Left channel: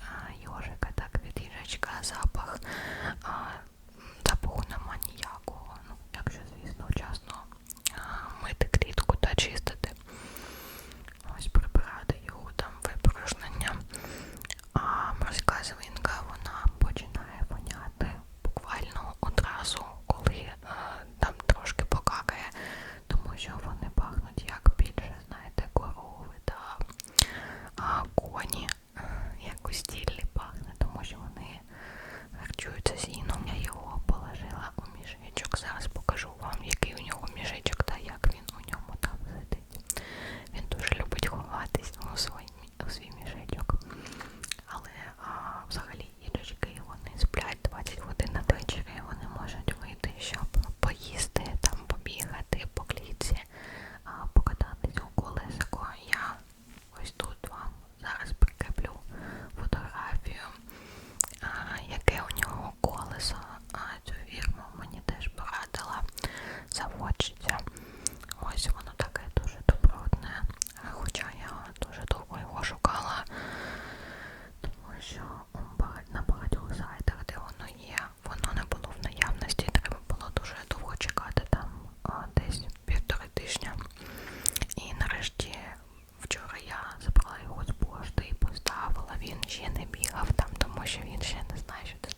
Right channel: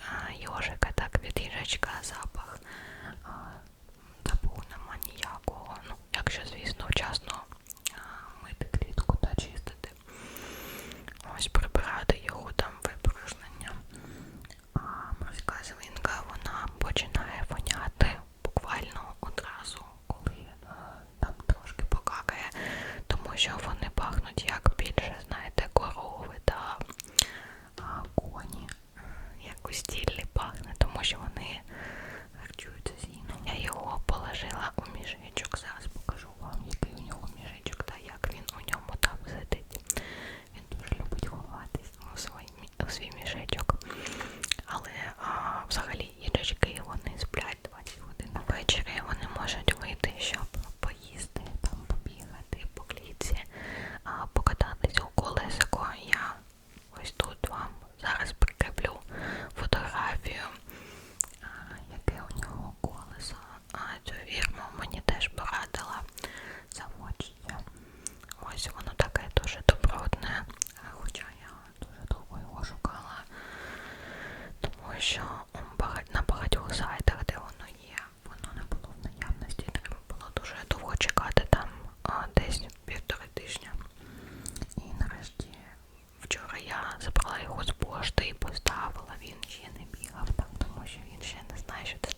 А, ежика так вид ежачка запах. що він ще не знає, що це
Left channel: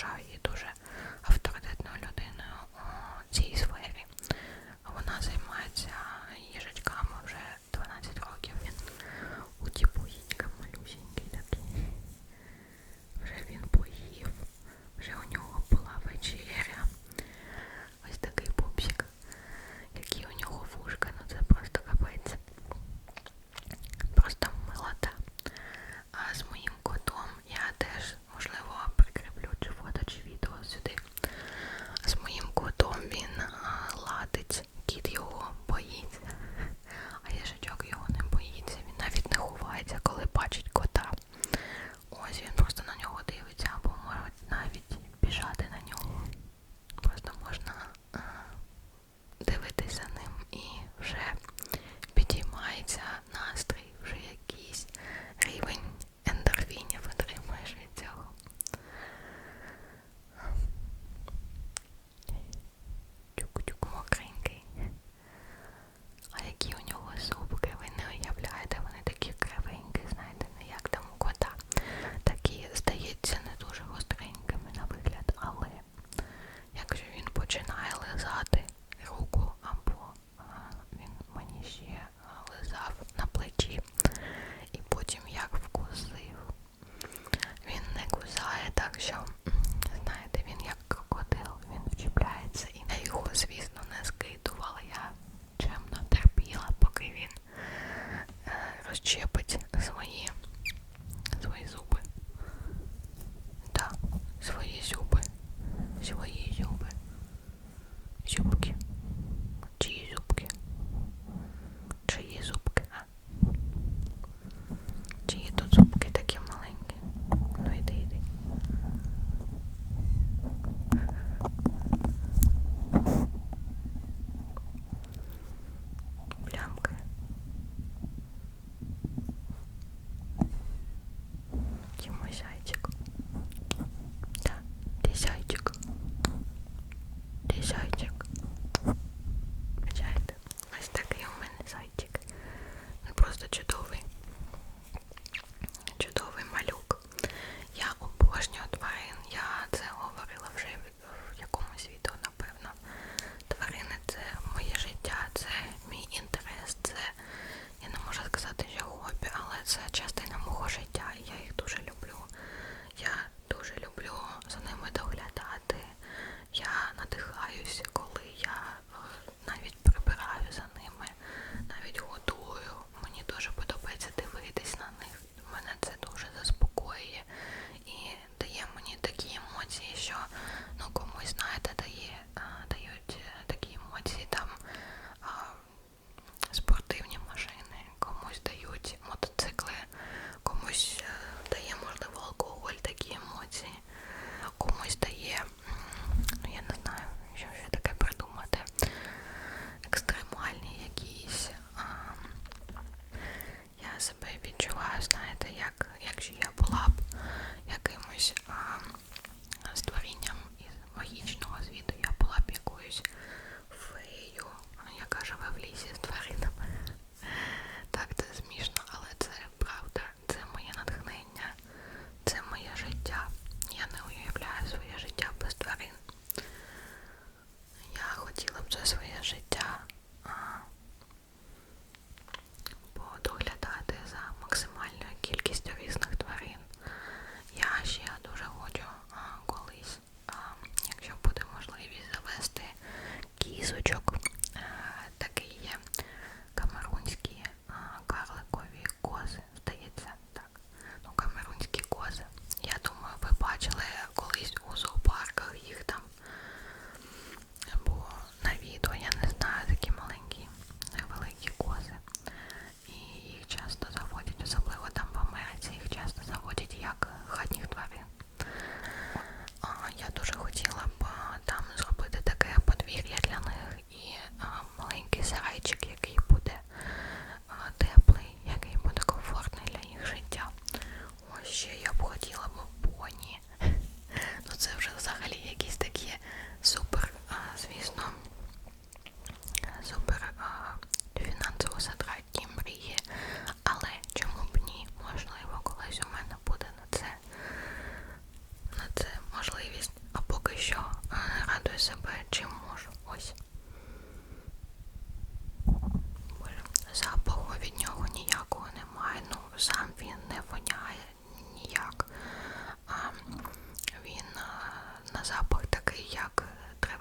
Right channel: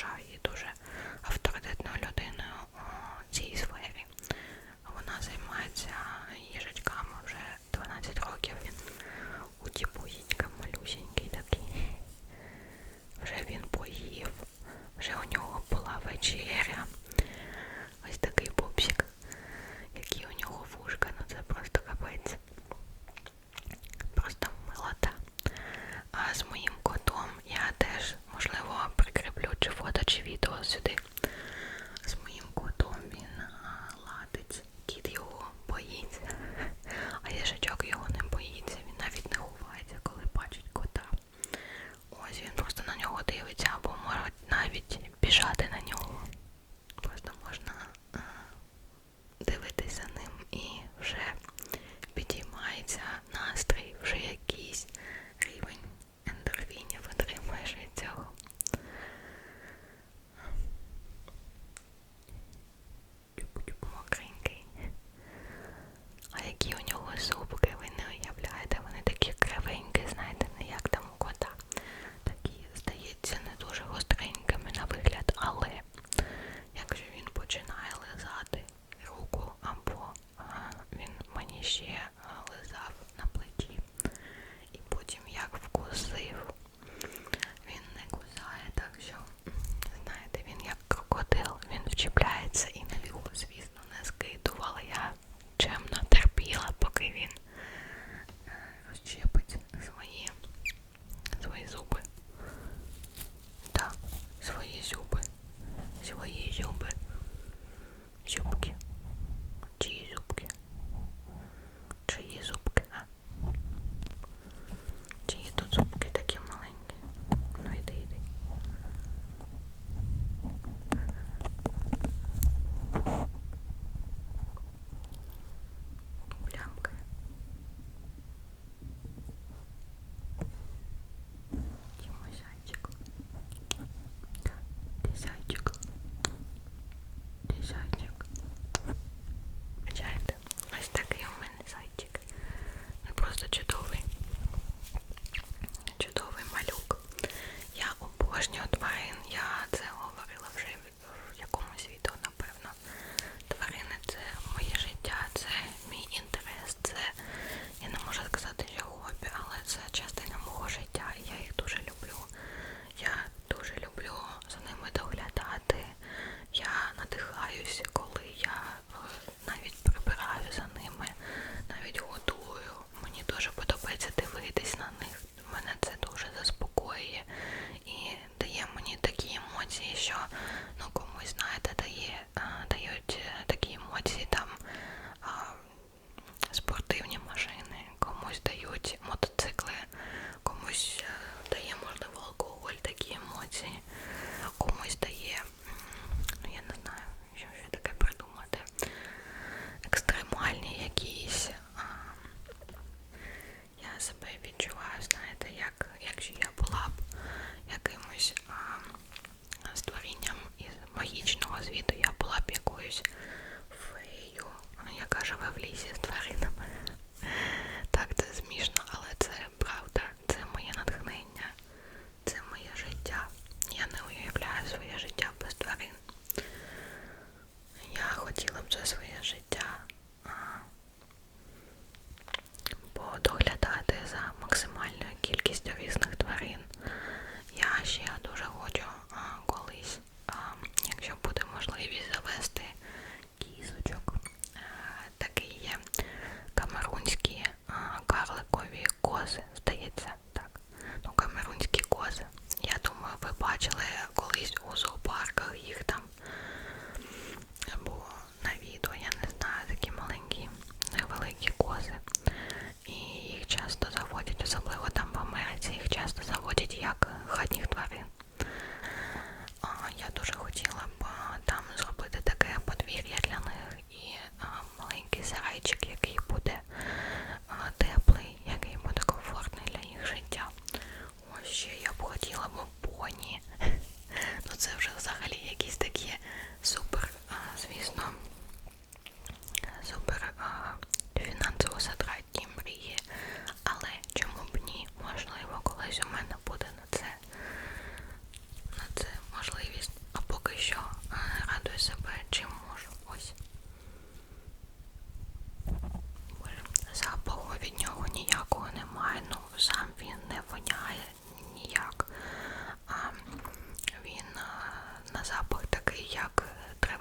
тому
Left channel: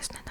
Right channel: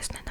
Reznanov.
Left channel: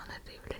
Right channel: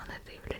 on a